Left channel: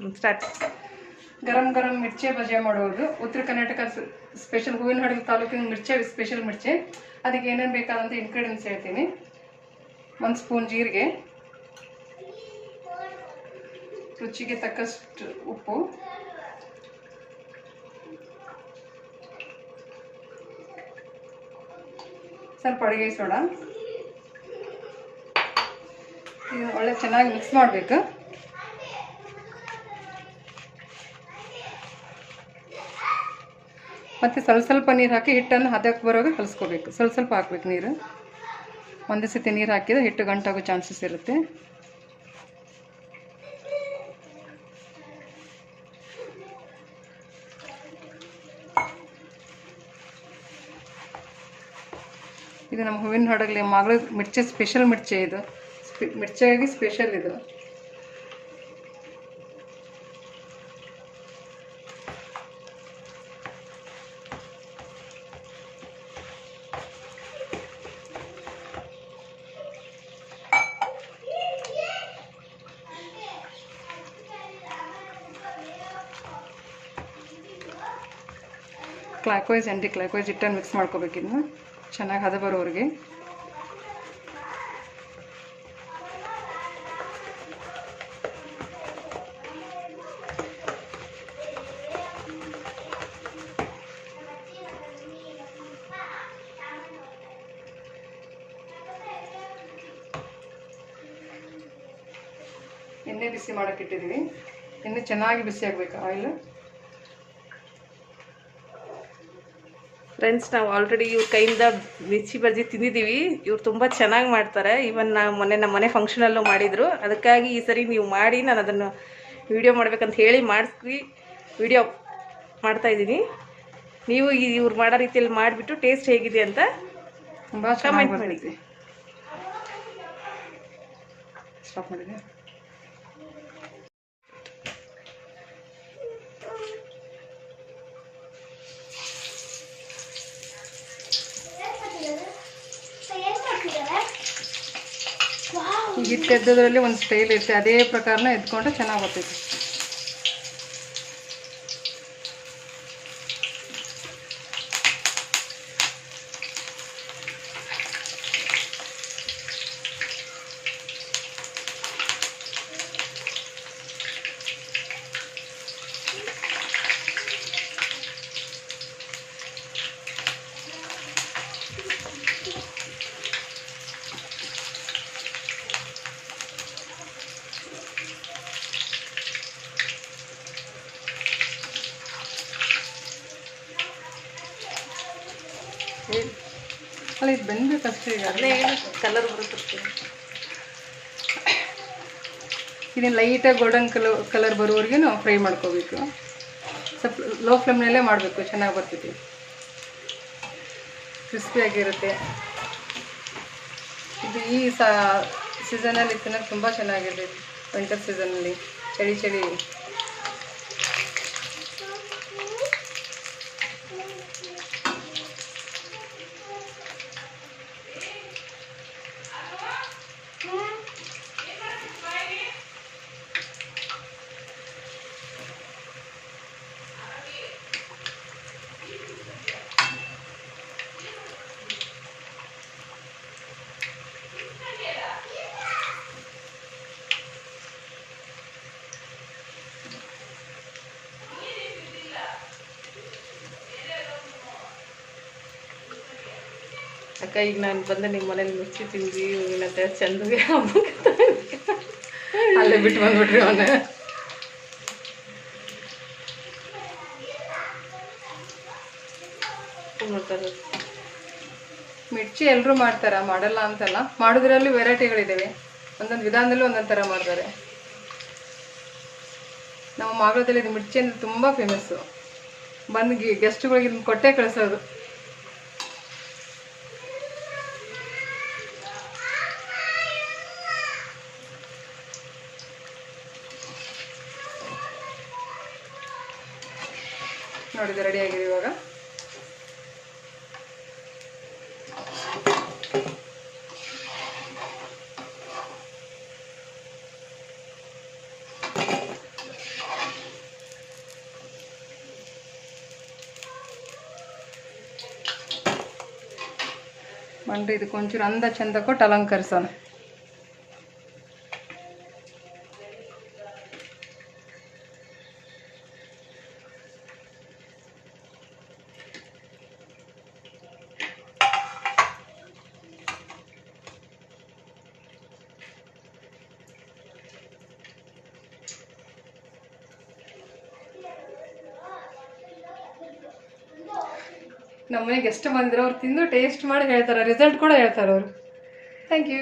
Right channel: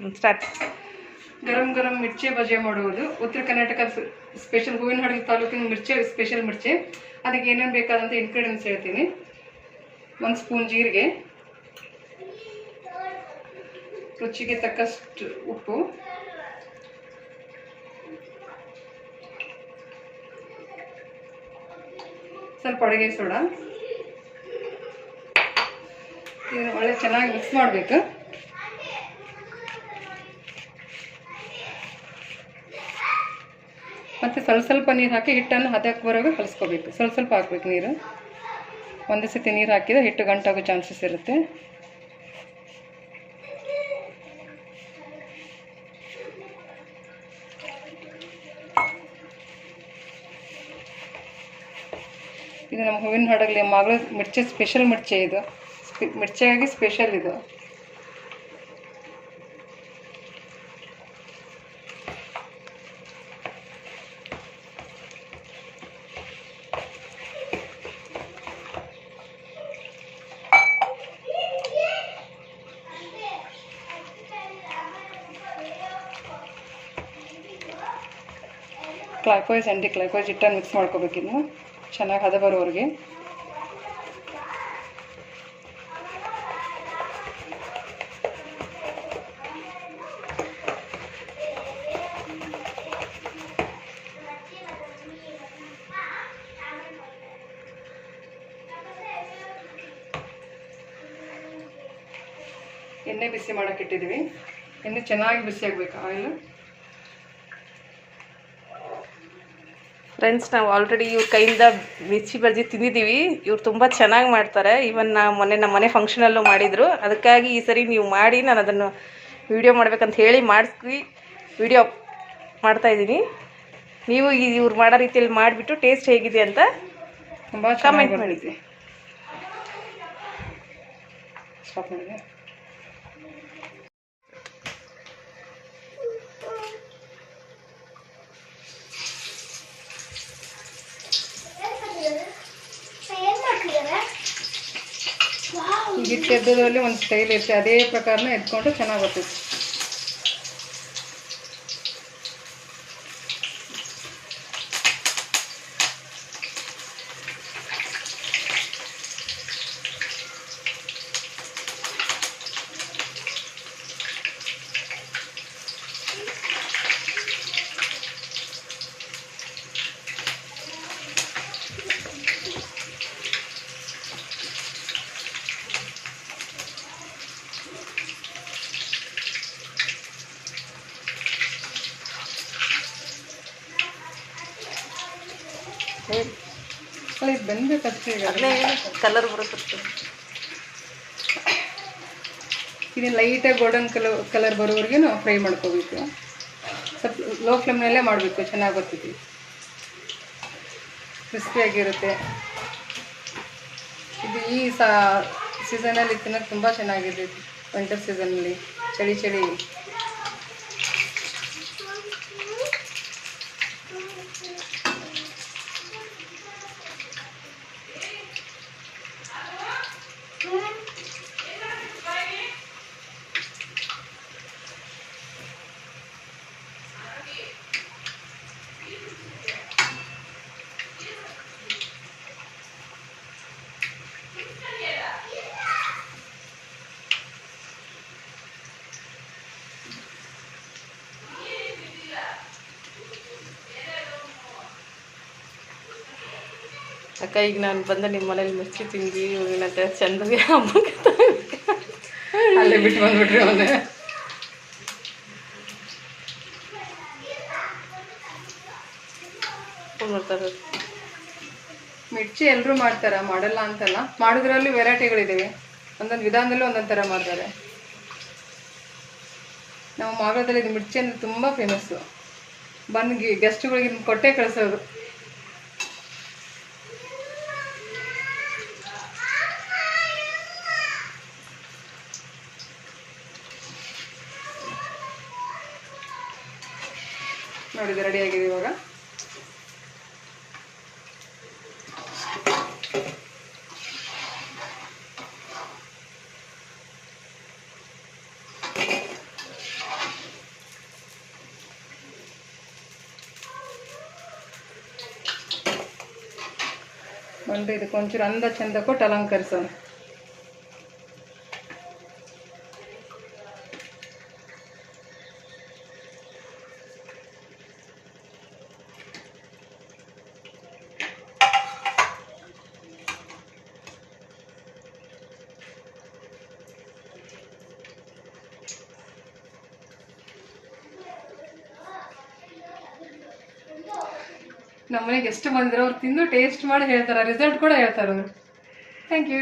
Start. ಗರಂ ಗರಂ ಮಿರ್ಚಿ ಬಜೆ ಮಾಡುವುದು ಉತ್ತರ Karnataka special ಹೂವಿನ ಹಡಗು ತಾಲೂಕಿನ ಮಿರ್ಚಿ ಸ್ಪೆಷಲ್ ಮಿರ್ಚಿ. ಅದಕ್ಕೆ ಏನೇನು ಬೇಕಾದಂಥ ಇಂಗ್ರೀಡಿಯೆಂಟ್ಸ್ ಹೇಳ್ತೀನಿ. 1 ಸ್ಪೂನ್ ಜೀರಿಗೆ, ರುಚಿಗೆ ತಕ್ಕಷ್ಟು ಉಪ್ಪು, ಸ್ವಲ್ಪ ಅಡುಗೆ ಸೋಡಾ. ಇದು ಒಳ್ಳೆ ಚೆನ್ನಾಗಿ ಮಿಕ್ಸ್ ಮಾಡಬೇಕು. ಮತ್ತು ಸ್ವಲ್ಪ ನೀರು ಹಾಕಿ ಹಿಟ್ಟನ್ನು ಹದಕ್ಕೆ ಬರೋಗೆ ಕಲಿಸ್ಕೋಬೇಕು. ಸ್ವಲ್ಪ ಹಾಕ್ಬೇಕು ನೀರು. ಒಂದೇ ಸತಿ ನೀರು ಹಾಕಿದರೆ ಹಿಟ್ಟು ಗಂಟಾಗೋ ಚಾನ್ಸಸ್ ಇರುತ್ತೆ. ಇದು ನಮ್ಮ ಹೂವಿನ ಹಡಗಲಿ ಮಗಳ ಮಿರ್ಚಿ ಸ್ಪೆಷಲ್ ಮಿರ್ಚಿ. ಇದು ಮಿರ್ಚಿಯಾಗಿ ಸ್ಪೆಷಲ್ ಇದು. ಕ್ಲಾಕ್ವೈಸ್ ಆ್ಯಂಟಿ ಕ್ಲಾಕ್ವೈಸ್ ಹಿಟ್ಟನ್ನು ಮಿಕ್ಸ್ ಮಾಡ್ಕೋಬೇಕು. ಇದನ್ನು ಚೆನ್ನಾಗಿ ಹದ ಬರೋವರೆಗೆ. ಎಣ್ಣೆ ಬಿಸಿ ಮಾಡೋಕೆ ಇಟ್ಟಿದ್ದೀವಿ. ಎಣ್ಣೆ ಚೆನ್ನಾಗಿ ಬಿಸಿ ಆಗಬೇಕು. ಆಯಿಲ್ ಫ್ರೆಂಡ್ಸ್, ನಾವು ಆಲ್ರೆಡಿ ಇವ್ರ ಕೈಯಿಂದ ಮಿರ್ಚಿ ಬಜ್ಜಿ ತಿಂದಿದ್ದೀವಿ. ಇವ್ರು ತುಂಬ ಚೆನ್ನಾಗಿ ಮಾಡ್ತಾರೆ. ಇವನ್ ನಮ್ಮ ಮನೆ ಫಂಕ್ಷನಲ್ಲೂ ಮಾಡಿದರು. ಅದಕ್ಕಾಗಿ ಈ ಸರಿ ನೀವು ಮಾಡಿ ನಾನು ಅದನ್ನು ವಿಡಿಯೋ ಮಾಡ್ಬೇಕಂತ ಹೇಳಿ ವಿಡಿಯೋ ಮಾಡ್ತಾಯಿದ್ದೀನಿ. ನೀವು ಇವ್ರು ಮಾಡೋ ರೀತಿಯಲ್ಲಿ ಮಾಡಿಬಿಟ್ಟು ಟೇಸ್ಟ್ ಹೇಗಿದೆ ಅಂತ ತುಂಬ ಕಮೆಂಟ್ ಮಾಡಿದ್ವಿ. ಸ್ಟಾಪ್ ಮಾಡಿದೆ. ಈ ಹಿಟ್ಟು ಎದ್ದೋದ್ರಲ್ಲಿ ಒಂದು ಸ್ಟೈಲ್ ಇರುತ್ತೆ. ಅದೇ ಪ್ರಕಾರನ ಎದ್ಕೊಂಡ್ರೆ ಚೆನ್ನಾಗಿ ಬರ್ತೈತಿ. ಅಲ್ಲ, ಇದು ಬೆಂದಬೇಕಷ್ಟೇ. ಅದನ್ನೇ ಕಲರ್ ಬರುತ್ತೆ. ಇದನ್ನು ಲೈಟಾಗಿ ಗೋಲ್ಡನ್ ಕಲರ್ ಬರೋವರೆಗೆ ನಾವು ಫ್ರೈ ಮಾಡ್ಕೋಬೇಕು. ಸ್ವಲ್ಪ ಲೋ ಫ್ಲೇಮ್ನಲ್ಲೇ ಮಾಡಬೇಕು. ಚೆನ್ನಾಗಿ ಬರ್ತೈತಿ, ಕ್ರಿಸ್ಪಿಯಾಗಿರುತ್ತೆ. ಇದು ಈ ಸೀಸನಲ್ಲಿ ತಿನ್ನೋಕ್ಕೆ ತುಂಬ ಚೆನ್ನಾಗಿರ್ತೈತಿ. ವಿಂಟರ್ ಸೀಸನಲ್ಲಿ ಚಳಿ ಅಕ್ಕ, ಈಗ ನಾನು ಬಂದ ನಿಮ್ಮ ಮನೇಲಿ ಮಿರ್ಚಿ ತಿಂದ್ವಿ. ಇವಾಗೇನಂತೆ ಚಂದಗೆ ಹಬ್ಬಕ್ಕೆ ಅಲ್ಲೇ ಬಿಟ್ಟು ಬಂದ್ಬಿಟ್ರಿ ಅವನೇ. ಮಾಡ್ತಾರೆ. ಮಿರ್ಚಿ ಎಲ್ಲರೂ ಮಾಡ್ತಾರೆ, ಮಾಡಲ್ಲ ಅಂತಲ್ಲ. ಮಾಡೋದ್ರಲ್ಲಿ ವೆರೈಟಿಗಳಿದ್ದಾವೆ. ಒಂದೊಂದು ವಿಧಾನದಲ್ಲೂ ಒಂದೊಂದು ಥರ ಮಾಡ್ತಾರೆ. ನಮ್ಮ ಮಾಗಲದಲ್ಲಿ ಇದು ಮಿರ್ಚಿ ಅಂದರೆ ತುಂಬ ಫೇಮಸ್ಸು. ಬಂದು ಗೆಸ್ಟ್ಗಳಿಗೆ ಕೊಟ್ಟೆ ಕಳಿಸೋದು. ನೋಡಿದ್ರೆ ರೆಡಿಯಾಗಿದೆ ಇವಾಗ. ಅಂದರೆ ಇದಕ್ಕೆ ಒಂಚೂರು ಅಂದ ಚಂದ ಕೊಟ್ಟು ಅಲಂಕರಿಸೋಣ. ನಮ್ಮ ಮನೆಗೆ ಎಷ್ಟು ಬಂದಿರೋ ಅವ್ರು ತಿಂದು ಟೇಸ್ಟ್ ಮಾಡಿ ಹೇಳ್ತಾರೆ, ರಿಸಲ್ಟ್ ಕೂಡ ಹೇಳ್ತಾರೆ ಅವರು. Thank you.